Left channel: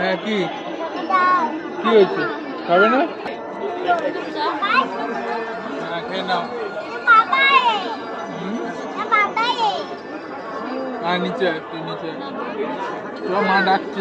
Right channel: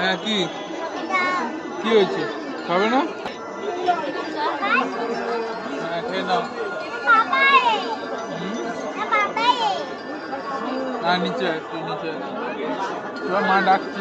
হ্যাঁ কি কি হয়েছে খাবে না? হ্যাঁ খেয়ে নাও। নিচে তুই নিচে মা ডাকছে।